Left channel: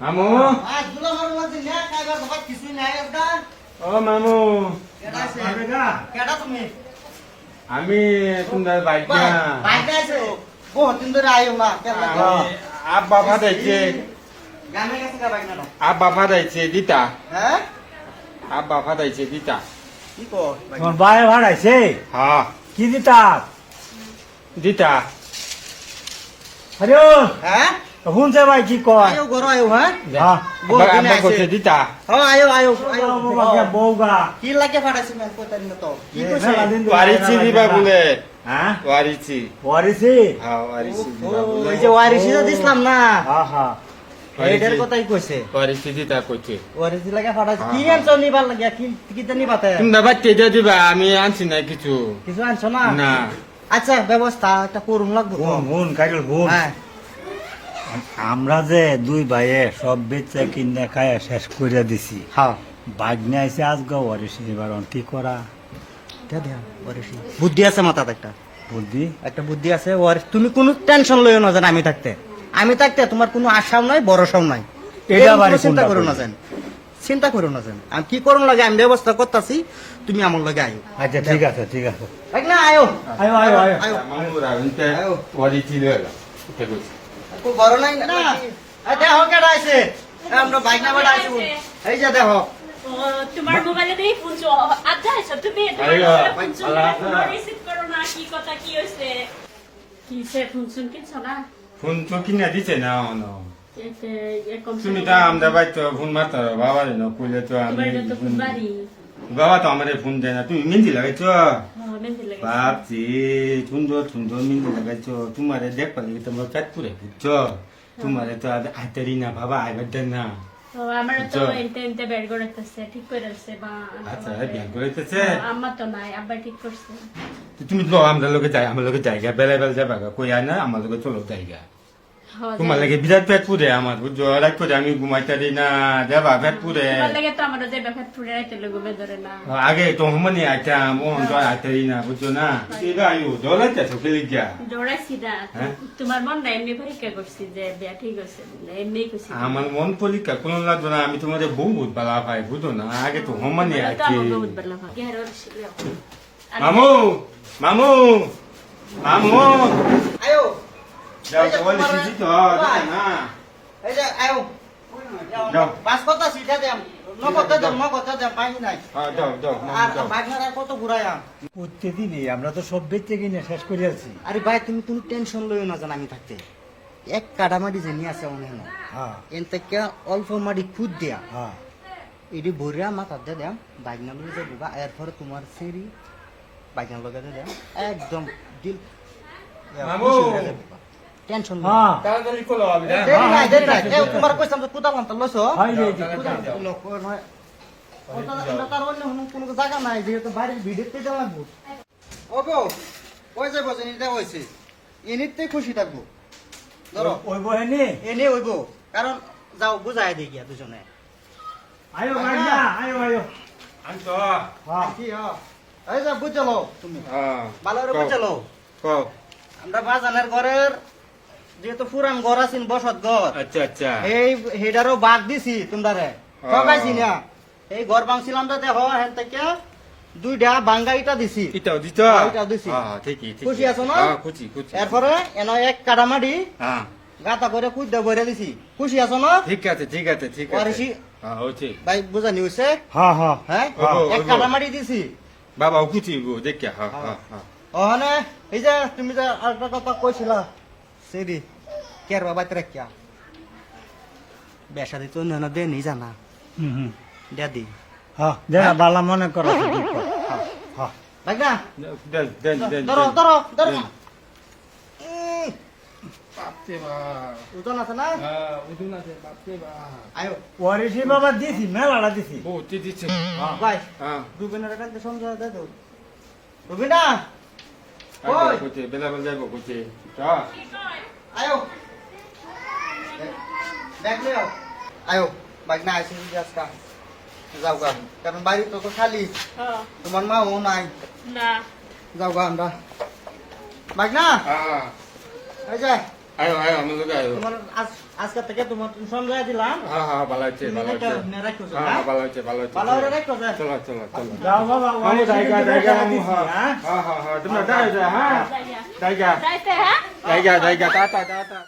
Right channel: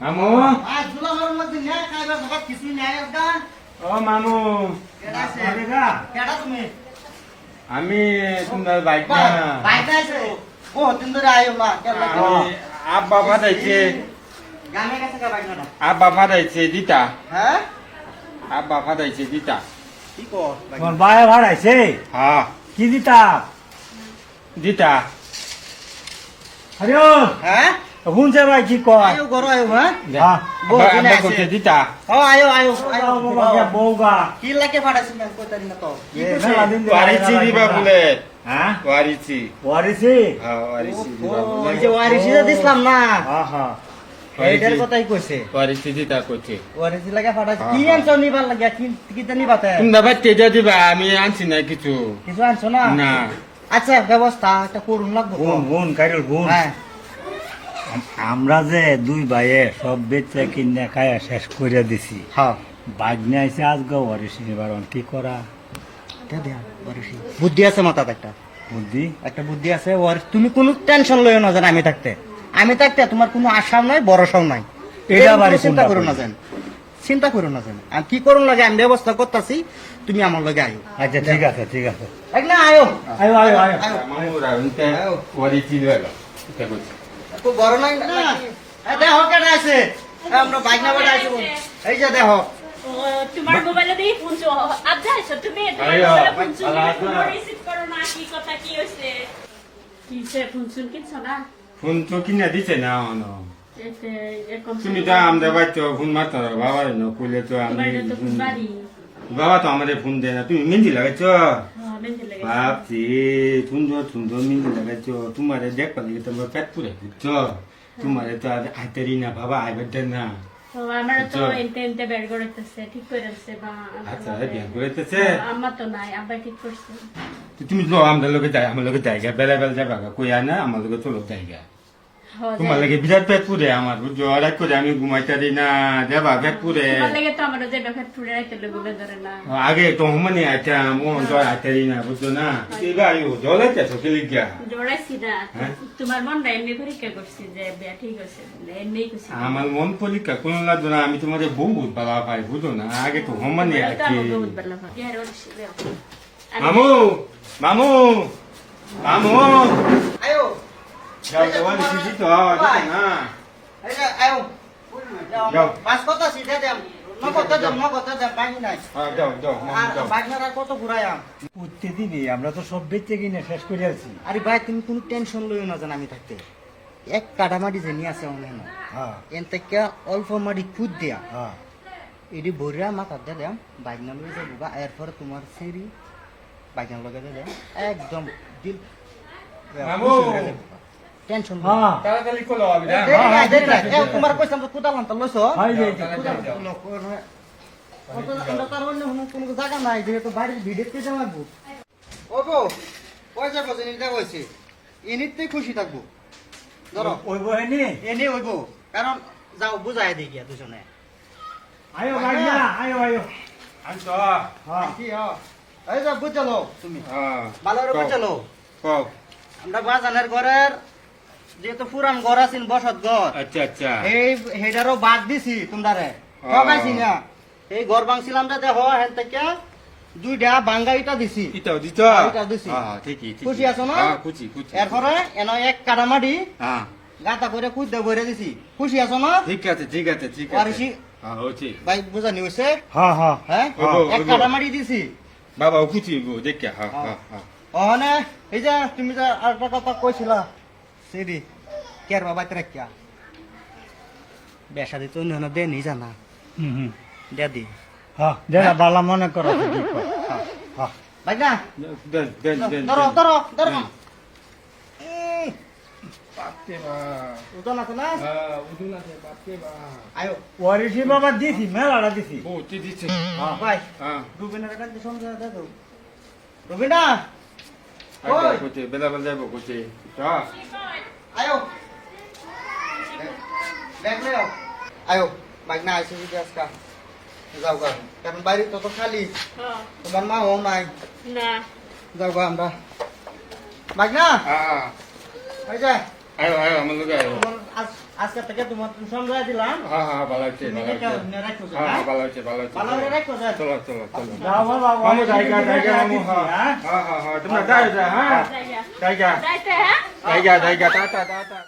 মামু আজ দুলাভার মধ্যে নিয়ে কাইবা ঘর কিছু নেই একদম। ও মামু কেডা আছে? বাবেগা কেডা তুমি? আমি তোমার বাইক না বাইক আছে। বহুত দিন ধরে আইও না। কেডা? আব্বা ফাটাইছে গানে গেছে কা বাইক না? আব্বা ফাটাইছে দিতা হ্যাঁ? আব্বা ফাটাইছে দিতা কি কর? বাইক। তোমার বায়ে ভাড়াইছে হ্যাঁ কি দিতা দিতা আরে হ্যাঁ? শুনছে ভাই কি কয় আইও ঘর আইও হ্যাঁ? হ্যাঁ বহুত দিন আব্বা আছে। করছে দিতা হ্যাঁ আইও আইও আইও। বউগা কি লাগে ফাটাইছি মেল কইতারি না তো। কি এ, কইছে? মেলা দিন ধরে ওয়ারিচি দিবা বলে হ্যাঁ ওয়ারিচি ওয়ারিসি হ্যাঁ ওয়ারিচি ও, দিবা বলে ওই যে ওয়ারিসি তো দিছিলাম না। হ্যাঁ হ্যাঁ এইটার কথাই কইছে। ওয়ারিচি দিতা করছে ওয়ারিসি লাগে ফাটাইছি। হ্যাঁ, কি হ্যাঁ। আনছো নিবার লাগিয়া? কি তো নিবাতে? তোমরা বাচ্চা দিয়ে দিবা আমি আনছি না কিছু কিছু আনছো না? না আচ্ছা ব্যবস্থা একটা করুন লাগবে তো। গুণ গুণ কাইরল গুণ হ্যাঁ আমরা যে দুই ভাইয়ে সব বেচে কিনে খায় শেষ করে দিছি হ্যাঁ বাজনে আইসে আজকে ওয়ারিসি নিবার অন্তি করা বুদ্ধি আছে মাথাতে বুদ্ধি একটা বুদ্ধি আছে তুমি কোনো টেনশন লইও না যেন আমি থাকতে তোমার কোনো আশাও নাই ভরসাও নাই এটা এরকম আবার কোনো চিন্তা কোনটা করো না করি? যেন চিন্তা করো না যেন আমি কি করুন লাগে আমি ব্যবস্থা করতেছি তুমি আমার লগে আইও আচ্ছা ঠিক আছে ঠিক আছে দেখ না আয়ো আয়ো আয়ো আয়ো আয়ো মামুরা উনতে ওয়ারিচি লইলো এটা কইছে খুব বড় নাই না এই দেখো কেডা আছে আমরা বাইক না বড় আইছি এই যে দেখো তোমার মোবাইলে দিয়ে শুনছো আচ্ছা এসো তুমি শুনছো রিসিভ করো না কি কথা কি হয়েছে কি সে শুনছুন কিছু না ফোন তো কিনা দিছে না অনো এতে এরকম তুমি তো আমরা বাইতো ফোন মারতার বাবা রে কইলে তো আমি তোমার তো খুব বাড়ি বাবা তো আমারে ফোন দেয় না তুমি মেহেন্দি লাগাইছো মেহেন্দি লেগেছে বাপজি সুন্দর সুন্দর মেহেন্দি লাগাইছো তোমারে দেখ পালি তোমার পেট পুরে দিচ্ছো তোমারে তো আইতারি না বাবা আইবার দেন না তো আমার তো আচ্ছা। এনতে এনতে বের করেছে ঠিক করেছে বা আচ্ছা বিয়ে করেছে আমার তো নাই আব্বা ঠিক করছে তুমি লো আমরা লোকে যাই আমার লোকে জায়গা বেলা বেলা যাবা কই আয় না আমার লোকে চলো জায়গা তোমার লাগে বিরাট পেট পুরে আমার বুঝছো রাত করে আমি ঘুমাইতারি না যাবা পেট পুরে তোমার লাগে তো আমার যে বেখাত ফুড়ে আইতে লাগবে বেজারে না আগে তো মানে আইতাম ও তো আইতারি না বুঝছো না এবার আইও জলাইতে তো খেলি যা দৌড়াইছি না হ্যাঁ? তোমার মন না এমনি পরীক্ষা করছি যে বিয়া ঠিক আছে এমনি করছি আমার মন পরীক্ষা কোন লাগতো না আমি তোমাদের বহুত বালা পাই বুঝো না আগে তো সমানে তো আছি আমার বহুত ভালো হয় কে আর ছিল মামু মামু মামু আয়ো যাও তো বলি কি তো না এই যে আয়ো যাও। পাস করতাছি দে দেম নগদ দে পাই নাই হ্যাঁ যাও যাও মামু আর যাও বাইক না কত ঘুরাইয়া উঠতে দিবি আমরা তো সব বেচে কিনে শেষ করে আছি আরে ভাই তুমি কোনো টেনশন লইও না জান আমি থাকতে এক কাটামাটি জেনি আছে অনেক হ্যাঁ এন থেকে অল্প মাটি খুদ দিয়া হ্যাঁ এটি ভরিয়া মাথা দিলাম বাইক নাম লই যাবো এরপরে তোমার সেরি বাইক নাম লগে দিলাম একদম দিল মামু টেনশন হ্যাঁ তাড়াতাড়ি চলো আমি দেরি নাই তোমার কইসাম তো কুদালাম তো লইছো হয় যে কোনো জায়গা নাই যেহেতু বাড়ির ভিডিও পেতে লাগবো ও গো ওই যাবো জিনিসটা হয়েছে এনিতে খুশি থাকবো ধরো ওই বহেনি এনে হইব কারণ যাও বুঝাই দিই গিয়া দুজনে আয়ো ভাই না আয়ো আয়ো আনছো হ্যাঁ কি এই যে বুঝালো তুমি হ্যাঁ ভালো করে বুঝালো কও আমরা বাজানের ঘরের যেহেতু পুরান ঘর আছেন বসত ঘর আচ্ছা আচ্ছা এই হেডারও বাদ দিছি তোমরারে ঠকাইছি না এই ঘর ভাঙছিলাম না দেখো হেন থেকে দুইটা বাঙ্গাইটা দিছি এটাও দিছ এটা দিছি। হ্যাঁ ঠিকই ঠিকই খুশি আছো না? হ্যাঁ খুশি খুশি এরপরে এন এক কাটামাটি হ্যাঁ গাতা করে কুদ্দা বইরা দিছি খুশি আছো না ঠিক আছে ঠিক আছে ঠিক আছে ওয়ারিসি? হ্যাঁ হচ্ছে ভাই বুঝানি হইছে হ্যাঁ হ্যাঁ হ্যাঁ ওগো, এক ওগো। কাটামাটি দিছি বাবা খুশি হইব দেখে হ্যাঁ হ্যাঁ হ্যাঁ ওখানে এই যে তুমি যে আরেকটা কথা কইছিলা সেদি কের বাবা রাখিয়া বেসা দিত অন্য দে নি জানা হুম হুম দে দি হ্যাঁ যেটা বালা মনে করো হ্যাঁ ভাই না দেন দেন দেন ধরো ধরো ধরো বাপরে বা উঠন আছে না হ্যাঁ উঠুন আছে বাপরে বা আয়ো ওয়ারিসি বাবা দিছি মেলাটা দিছি বহুত দিচ্ছে ভাই হ্যাঁ রুবিনের একটা সঙ্গে দে তো রুবিনা আগে ওই। কোচে বেলা বেলা যাবো কোচে হ্যাঁ আয়ো দেখ লে আয়ো বাইক না আইসি যদি আজকা যাও গা কারণ বাড়ি তো তো খালি হ্যাঁ তোমার মা ও নাই না যাও গা আমরা বাইক না হ্যাঁ এই যে আয়ো আয়ো আমার লোক আয়ো তোমার আজকে থেকে তোমার সমঝাই দিলাম হ্যাঁ হ্যাঁ ভালো হচ্ছে ভালো হচ্ছে রাখো হ্যাঁ ভালো হচ্ছে ভালো হচ্ছে ভালো করে রাখো স্যার চলো চলো চলো যাও বাবা, মামু অনেক জায়গা দিন জায়গা ধরে মামু হ্যাঁ হ্যাঁ? হ্যাঁ হ্যাঁ তোমরা যাই যা হ্যাঁ যাইয়া জায়গা যাইতে হ্যাঁ জায়গা জায়গা টাটা টাটা